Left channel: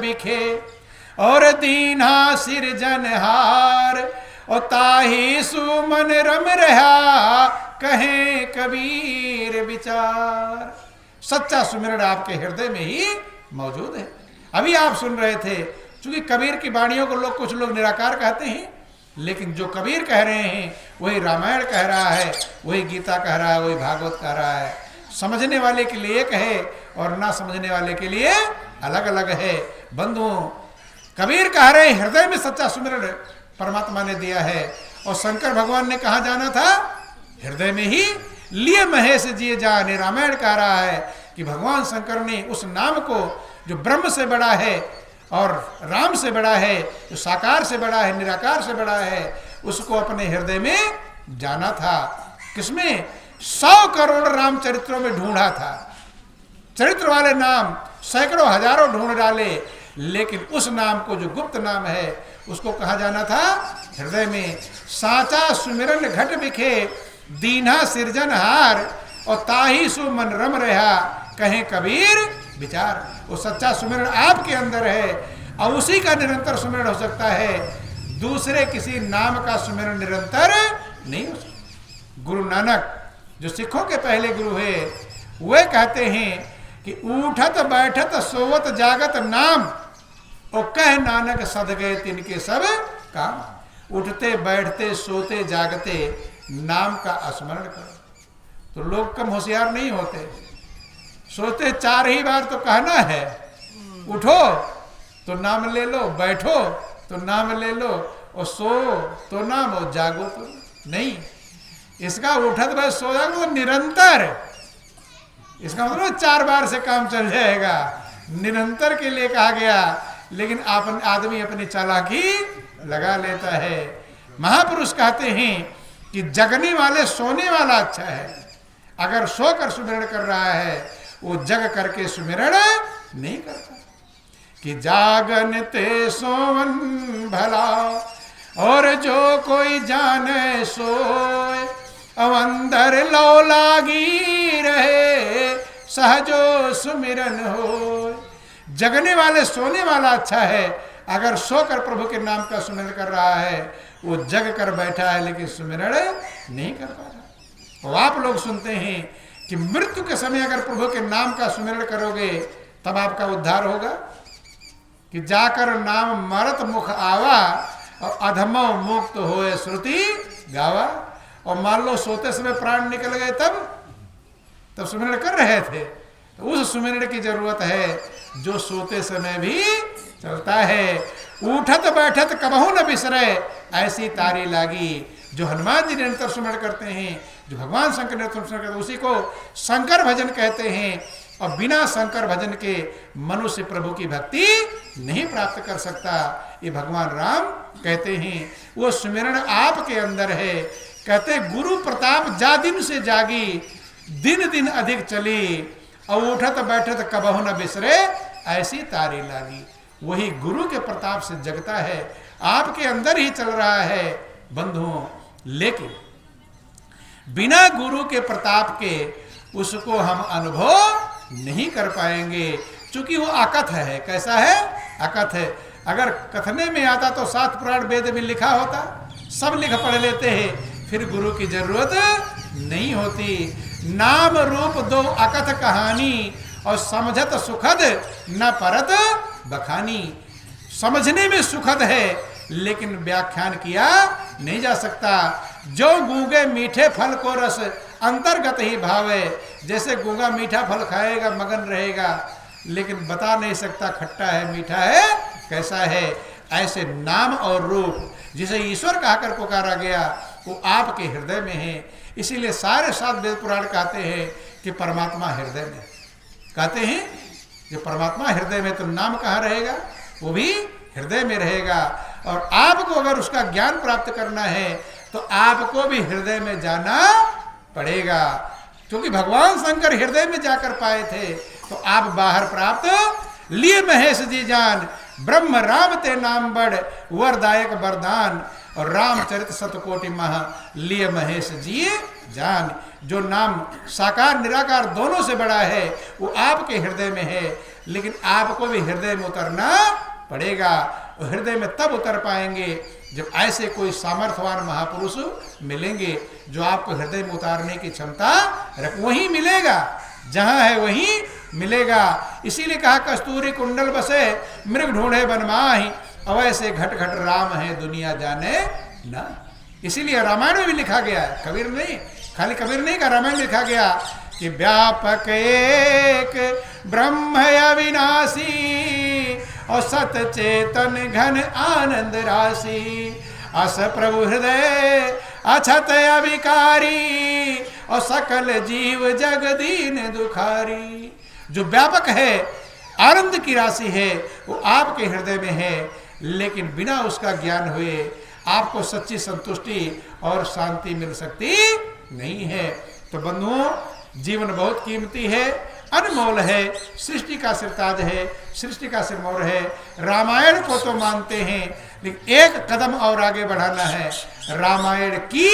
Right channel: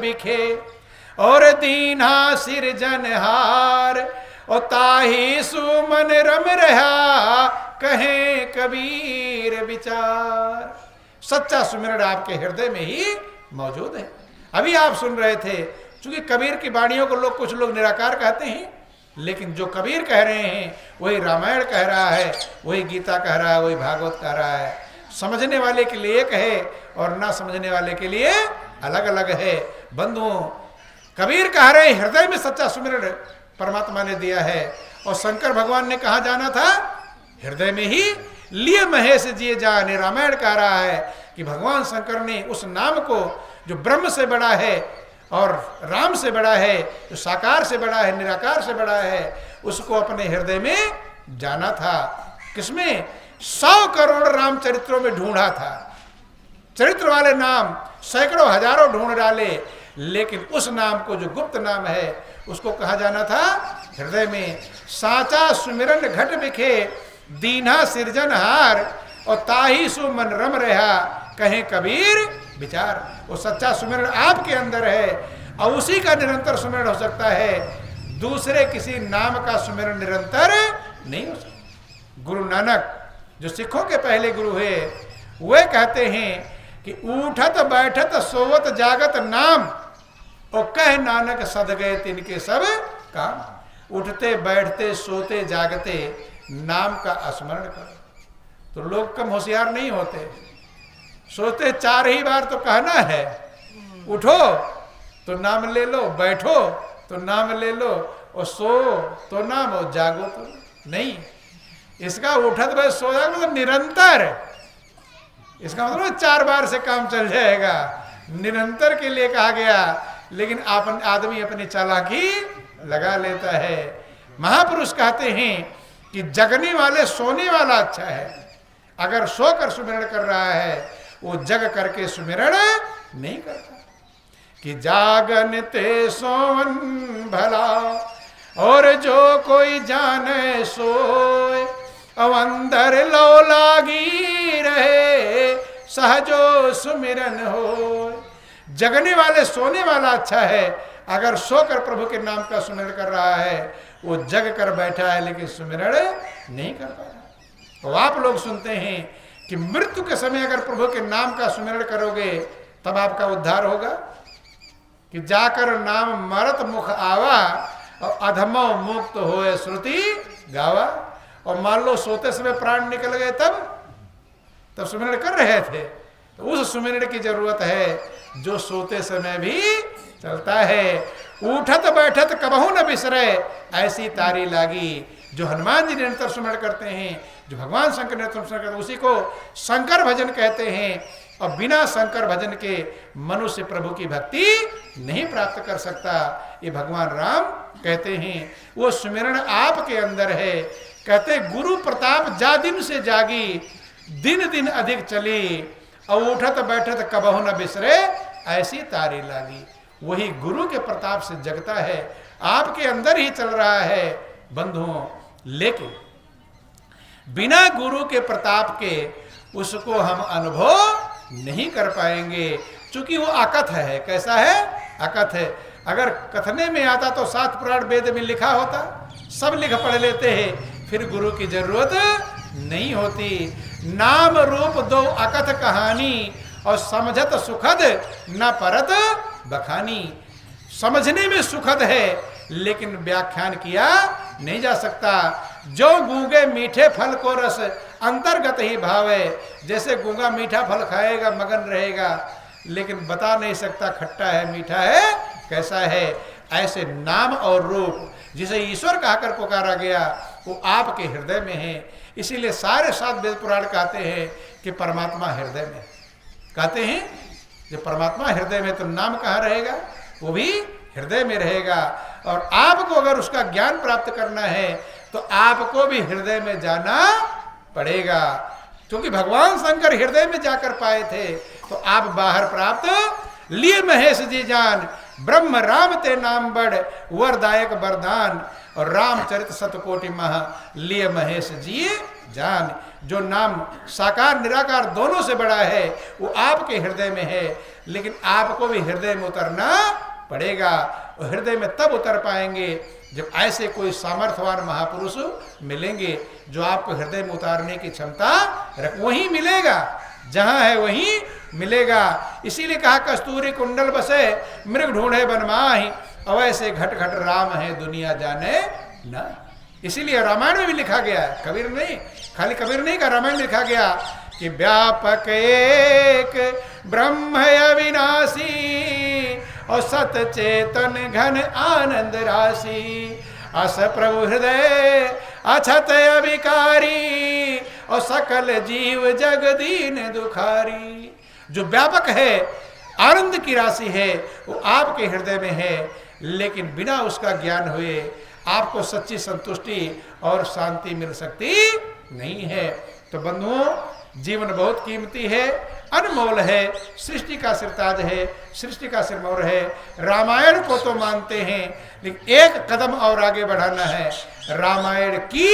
बिखे और दीना सिरजनहार, और ताही सुमन रम रहा कहे कबीर विचार। सच्चा सुमिरन आपके हृदय में ही मौजूद है। अभी आप सुन रहे थे, क्योंकि कबीर की वाणियों को कुछ लोग निराकार कहते हैं, लेकिन जो कबीर कह रहे हैं वही रामायण कह रहा है, वही गीता कह रहा है, वही भागवत कह रहा है। समझने वाले के लिए एक है और ना समझने वाले के लिए अलग अलग है। बंधुओं, कबीर कह रहे हैं हृदय में सच्चा सुमिरन परमात्मा ने दिया है, और शंकर भगवान ने कहा जाना था हृदय में ही लिए महेश जिए जाने। रामायण कह रहा है कि भगवान शंकर ने उस नाम को जो ब्रह्म से बड़ा है और राम से बड़ा है, जो साकार से बड़ा है, निराकार से बड़ा है, उसको अपने हृदय में जाना था। किसमें? 100 करोड़ राम चरित्रों में ढूंढा था। चरित्र वाले नाम सैकड़ों हजारों ढूंढ डाले, लेकिन उस नाम को जो गुप्त नाम है उसको कहा जाना था हृदय में। साचा सुमिरन घट बिखे दीना सिरजनहार, और ताही सु मन रम रहा कहे कबीर विचार। वो सच्चा सुमिरन आपके अंदर है, और उसी का निरंतर सुमिरन हो सकता है। दूसरे किसी नाम का सुमिरन निरंतर नहीं हो सकता। गुरु नानक जो सिखों के पहले गुरु हुए, वे कहते हैं कि उठत बैठत सोवत जागत नाम, और कह नानक सद गए तिनके सब काम। उठते बैठते सोते जागते नाम का स्मरण करो। तो लोग कम होशियार नहीं होते। सोते 4 ही बार तो कहना है, उठो तो नाम ले लो, बैठो तो नाम ले लो, और सो तो नाम, और जागो तो नहीं। इसका उठत बैठ सो जाओ तो निरंतर, इसका मतलब 4 बार से काम चल जाएगा। निरंतर के लिए कहा गया, लेकिन आदमी अपनी चालाकी लगा लेता है। महापुरुष कहते हैं कि जगने वाले सोने वाला अच्छा है। अगर सोकर सुमिरन कर रहा है, वो जग करके सुमिरन नहीं करता। कि जागन ते सोवन भला, और जो कोई जाने सोए, अवंदर लो लागी रहे सहजो सुमिरन हो। जगने वाले सोने वाला अच्छा है। अगर सोकर प्रभु के नाम का सुमिरन कर रहा है, वो जग कर बैठा है लेकिन सुमिरन नहीं कर पा रहा। तो आप लोग सुनते हैं कि मृत्यु के समय अगर प्रभु के नाम का सुमिरन करोगे तब आपका उद्धार होगा। कि जाकर नाम मरत मुख आवा, और अधमो मुक्त होए श्रुति गावा। और मान लो सोते समय प्राण निकल गए, तब सुमिरन कर रहे थे, तो उस सुमिरन की जरूरत है जो सोते समय भी चलता है। उठत बैठत कबहू न बिसरे ऐसी तारी लागी। जो हनुमान जी निरंतर सुमिरन करते हैं, जो भगवान शंकर निरंतर सुमिरन करते हैं, उसी को शंकर भजन कहते हैं। और बिना शंकर भजन के मनुष्य प्रभु की भक्ति नहीं प्राप्त कर सकता। ये भगवान राम कहते हैं। वो सुमिरन आपके अंदर है। कहते गुरु प्रताप जा दिन से जागी, दिन दिन अधिक चली, और उठत बैठत कबहू न बिसरे ऐसी तारी लागी। वही गुरु के प्रताप से जगता है, आपके अंदर ही चल रहा है बंधुओं। लेकिन बिना गुरु के प्रताप के उसको हम अनुभव नहीं कर पाएंगे, क्योंकि वो अकथ है। कैसा है? अकथ है। अगर कथने में आता तो 7 पुराण वेद में लिखा होता, सब लिख पढ़ लेते हैं, फिर गुरु की जरूरत नहीं होती। नाम रूप 2 अकथ कहानी, और समझत सुखद न परत बखानी। समझने में सुखद है, लेकिन व्याख्यान किया नहीं जा सकता। जो गूंगे मीठे फल को रस अंतर्गत ही भावे। जैसे गूंगा मीठा फल खाएगा मगन रहेगा, लेकिन बता नहीं सकता खट्टा है मीठा है कैसा है। ऐसे नाम और रूप जिसे ईश्वर कहकर पुकारा गया, वो आपके हृदय में है। इसीलिए सारे 7 वेद पुराण कहते हैं कि परमात्मा हृदय में। कहते हैं कि परमात्मा हृदय में, तो नाम कहाँ रहेगा? वो भी हृदय में रहेगा। और आपको अगर उसका ज्ञान प्राप्त करना है तो आपको भी हृदय में जाना पड़ेगा, क्योंकि भगवान शंकर हृदय में जाकर पाए थे। तो आप बाहर प्राप्त लिए महेश जी जान, ब्रह्म राम ते नाम बड़ वरदायक वरदान। और रामचरित शतकोटि महा लिए महेश जी जान। जो नाम साकार निराकार दोनों से बड़ा है, वो आपके हृदय में है। लेकिन आपको भी हृदय में उतरना पड़ेगा। और हृदय में तब उतर पाएंगे जब ऐसे कोई सामर्थ्यवान महापुरुष मिलेंगे जो आपको हृदय में उतारने की क्षमता वही मिलेगा, जहां है वही मिलेगा। इसीलिए कहा कस्तूरी कुंडल बसे मृग ढूंढे बनमाही, अवैसे घट घट राम है दुनिया जाने ना। इसीलिए रामायण में भी लिखा गया, कबीर नहीं, खाली कबीर नहीं का रामायण में लिखा गया कि व्यापक एक ब्रह्म अविनाशी और सत चेतन घन आनंद राशि, अस प्रभु हृदय अछत अविकारी और सकल जीव जगदीन दुखारी। जो व्यापक है, आनंद की राशि है, वो आपके हृदय में है, लेकिन बिना उसका ज्ञान हुए आपको सच्ची संतुष्टि और शांति मिल सकती नहीं है। तो बंधुओं, जीवन बहुत कीमती है, अनमोल है, सृष्टि का सिरताज है, सृष्टि का सिरमौर है। रामायण को तो मानते हैं, लेकिन एक कदम और आगे बढ़ाना है, रामायण की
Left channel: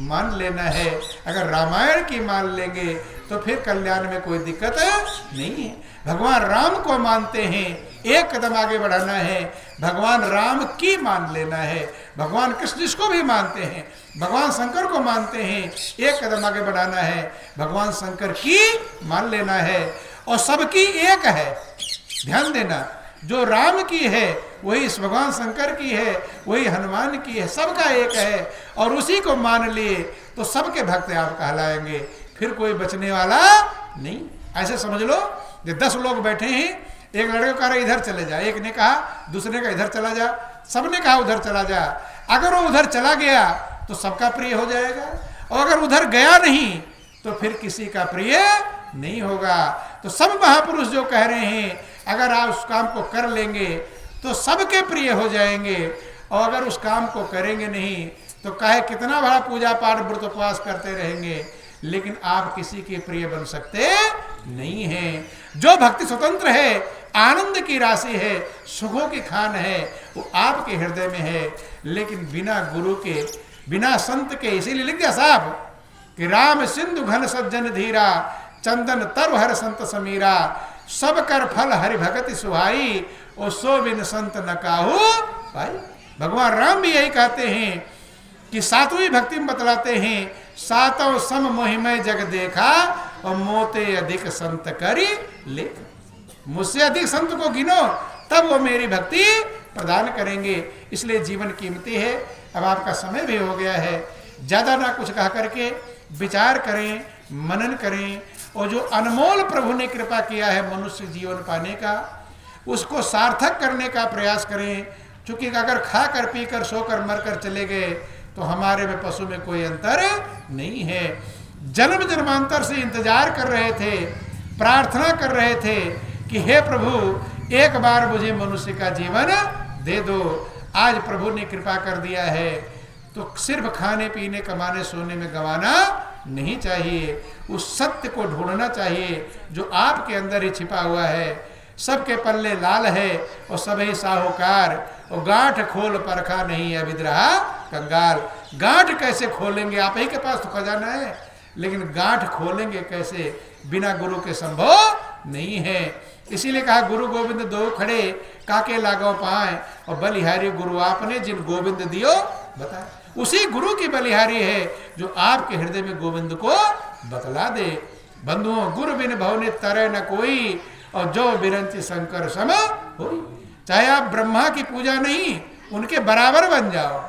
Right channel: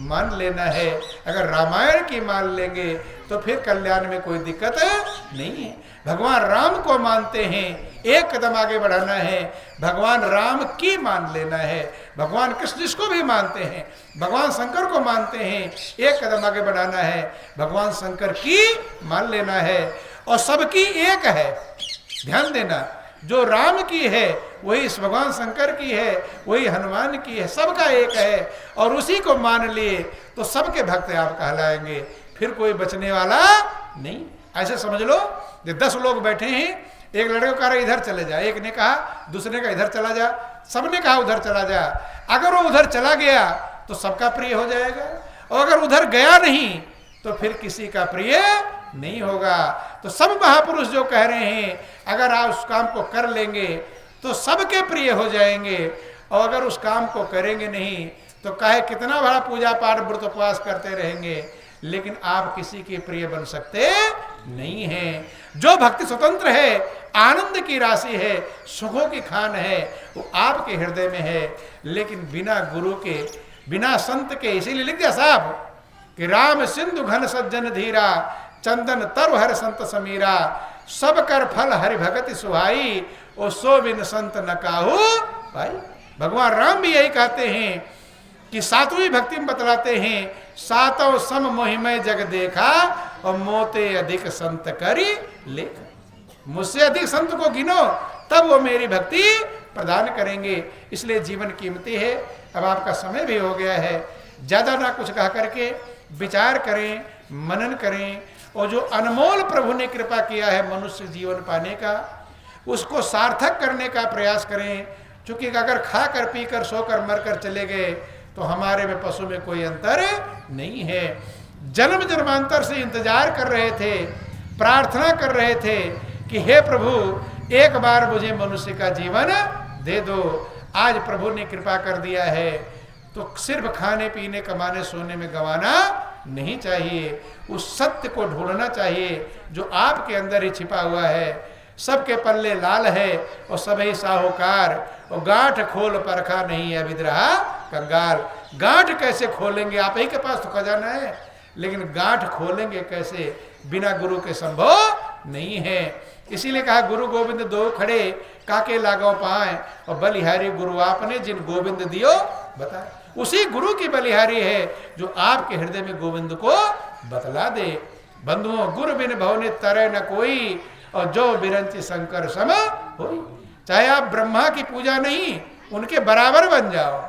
मान लेना है। अगर रामायण की मान लेंगे तो फिर कल्याण में कोई दिक्कत नहीं है। भगवान राम को मानते हैं, एक कदम आगे बढ़ाना है, भगवान राम की मान लेना है। भगवान कृष्ण जिसको भी मानते हैं, भगवान शंकर को मानते हैं, एक कदम आगे बढ़ाना है, भगवान शंकर की मान लेना है। और सबकी एक है, ध्यान देना, जो राम की है वही भगवान शंकर की है, वही हनुमान की है, सबका एक है। और उसी को मान लिए तो सबके भक्त आप कहलाएंगे, फिर कोई बचने वाला नहीं। ऐसे समझ लो, ये 10 लोग बैठे हैं, एक लड़के को कहा इधर चले जा, एक ने कहा, दूसरे का इधर चला जा, सबने कहा उधर चला जा। अगर वो उधर चला गया तो सबका प्रिय हो जाएगा, और अगर उधर गया नहीं तो फिर किसी का प्रिय नहीं होगा। तो सब महापुरुष जो कह रहे हैं, अगर आप उस काम को कर लेंगे तो सबके प्रिय हो जाएंगे, और अगर उस काम को करेंगे नहीं तो काहे कितना बड़ा पूजा पाठ व्रत उपवास करते रहेंगे, लेकिन आप किसी के प्रिय बन सकते नहीं हैं। जो भक्ति स्वतंत्र है, आनंद की राशि है, सुखों की खान है, वो आपके हृदय में है। लेकिन बिना गुरु के, बिना संत के, इसीलिए लिख दिया साहब कि राम सिंधु घन सज्जन धीरा, चंदन तरु हर संत समीरा, सब कर फल हरि भगति सुहाई, और सो बिन संत न काहू भाई। भगवान राम भी यही कहते हैं कि 7वीं भक्ति में बतलाते हैं, सातों सम मोहिमय जग देखा और मोते अधिक संत करी लेख। मुझसे अधिक संत को गिनो तब वो मेरी भक्ति प्रदान करेंगे। इसलिए जीवन कीमती है। अब आपका समय भी हो गया है, ज़्यादा ना कुछ कह करके विचार करें, मनन करें, और जो अनमोल प्रभु ने कृपा किया है मनुष्य जीवन पाने का, उसको सार्थक करने का प्रयास करें। क्योंकि अगर खा कर पी कर सो कर मर कर चले गए तो हमारे में पशु में कोई अंतर नहीं है। जन्म जन्मांतर से इंतजार कर रहे थे, प्रार्थना कर रहे थे कि हे प्रभु एक बार मुझे मनुष्य का जीवन दे दो। आज प्रभु ने कृपा कर दिया है, तो सिर्फ खाने पीने कमाने सोने में गंवाना नहीं चाहिए। उस सत्य को ढूंढना चाहिए जो आपके अंदर ही छिपा हुआ है। सबके पल्ले लाल है और सभी साहूकार, और गांठ खोल परखा नहीं है विद्रहा कंगाल। गांठ कैसे खोलेंगे? आप ही के पास तो खजाना है, लेकिन गांठ खोलेंगे कैसे? बिना गुरु के संभव नहीं है। इसीलिए कहा गुरु गोविंद दो खड़े, काके लागो पाए, और बलिहारी गुरु आपने जिन गोविंद दियो बताए। उसी गुरु की बलिहारी है जो आपके हृदय में गोविंद को बतला दे। बंधुओं, गुरु बिन भवनि तरह न कोई, और जो बिरंची शंकर सम हो। चाहे आप ब्रह्मा की पूजा नहीं, उनके बराबर बन जाओ।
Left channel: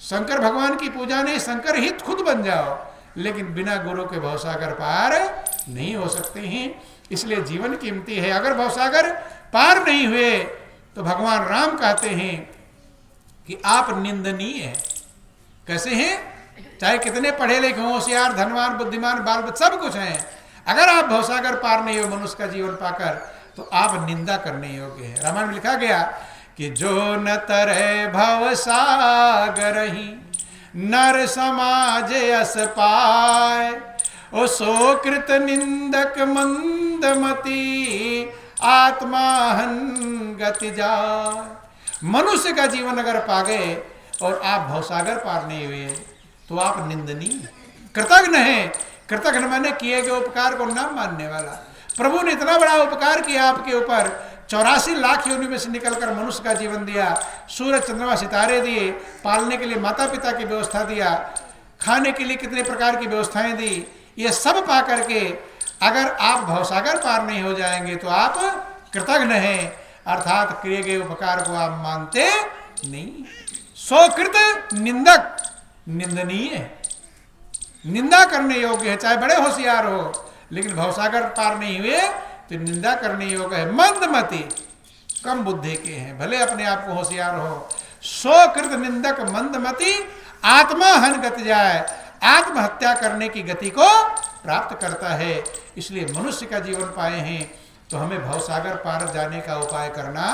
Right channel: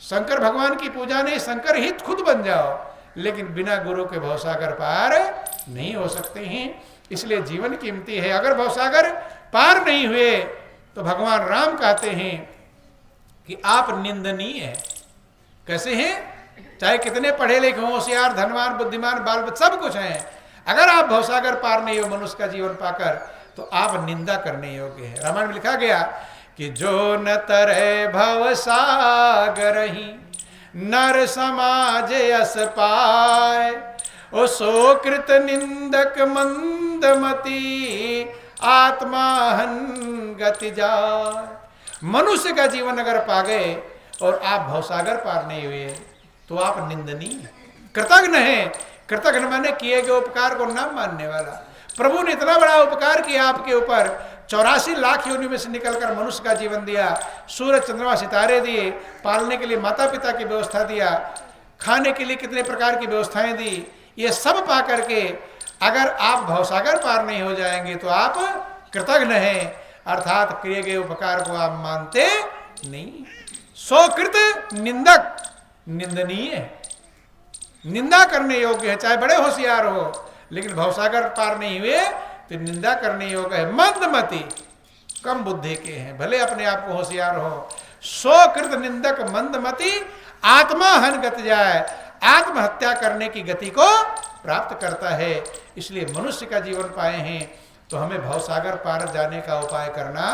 शंकर भगवान की पूजा नहीं, शंकर ही खुद बन जाओ, लेकिन बिना गुरु के भवसागर पार नहीं हो सकते हैं। इसलिए जीवन कीमती है। अगर भवसागर पार नहीं हुए तो भगवान राम कहते हैं कि आप निंदनीय हैं। कैसे हैं? चाहे कितने पढ़े लिखे हों, होशियार, धनवान, बुद्धिमान, बाल बच्चे सब कुछ हैं, अगर आप भवसागर पार नहीं हो मनुष्य का जीवन पाकर, तो आप निंदा करने योग्य है। रामायण में लिखा गया कि जो न तरह भवसागर ही नर समाज यस पाए, ओ सो कृत निंदक मंदमती आत्माहन गति जाए। मनुष्य का जीवन अगर पा गए और आप भवसागर पार नहीं हुए तो आप निंदनीय, कृतघ्न हैं। कृतघ्न माने किए गए उपकार को न मानने वाला। प्रभु ने इतना बड़ा उपकार किया आपके ऊपर, 84 लाख योनि में से निकलकर मनुष्य का जीवन दिया, सूरज चंद्रमा सितारे दिए, पालने के लिए माता पिता की व्यवस्था दिया, खाने के लिए कितने प्रकार की व्यवस्थाएं दी। ये सब पा करके अगर आप भवसागर पार नहीं हो जाएंगे तो आप कृतघ्न हैं, अर्थात किए गए उपकार को आप मानते नहीं। स्वकृत निंदक निंदनीय है, निंदा करने योग्य है, चाहे बड़े होशियार हो, लेकिन भवसागर पार नहीं हुए तो निंदा करने योग्य है। मंदमति, कम बुद्धि के हैं, भले अपने आप को होशियार हो। स्वकृत निंदक मंदमति आत्मा हन गति जाए, आत्महत्या करने की गति को प्राप्त करता है। इसलिए मनुष्य का जीवन पाए हैं तो हमें भवसागर पार जाने का उपाय करना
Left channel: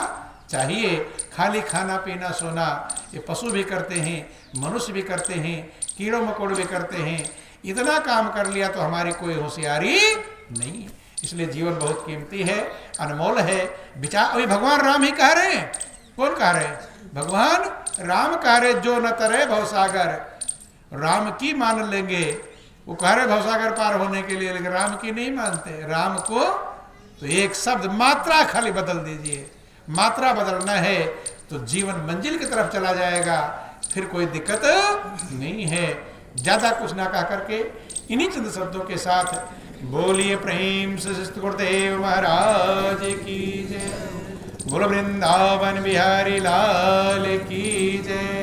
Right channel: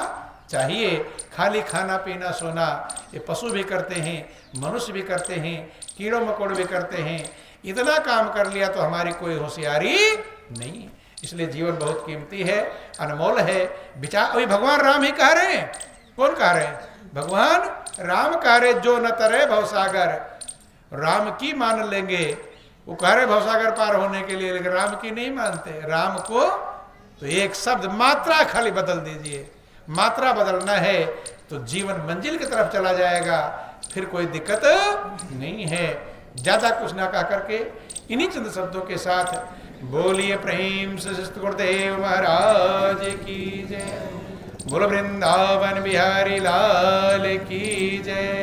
चाहिए। खाली खाना पीना सोना ये पशु भी करते हैं, मनुष्य भी करते हैं, कीड़ों मकोड़ भी करते हैं। इतना काम कर लिया तो हमारी कोई होशियारी नहीं है। इसलिए जीवन बहुत कीमती है, अनमोल है। विचार अभी भगवान राम ही कह रहे हैं। कौन कह रहे हैं? भगवान राम कह रहे, जो न तरे भवसागर, राम की मान लेंगे। वो कह रहे भवसागर पार होने के लिए, लेकिन राम की नहीं मानते। राम को तो एक शब्द मात्रा खाली बदल दीजिए, मात्रा बदलना है तो जीवन मंजिल की तरफ चला जाएगा, फिर कोई दिक्कत नहीं है। ज्यादा कुछ ना कह करके इन्हीं चंद शब्दों के साथ बोलिए प्रेम से गुरुदेव महाराज की जय, बोलो वृंदावन बिहारी लाल की जय।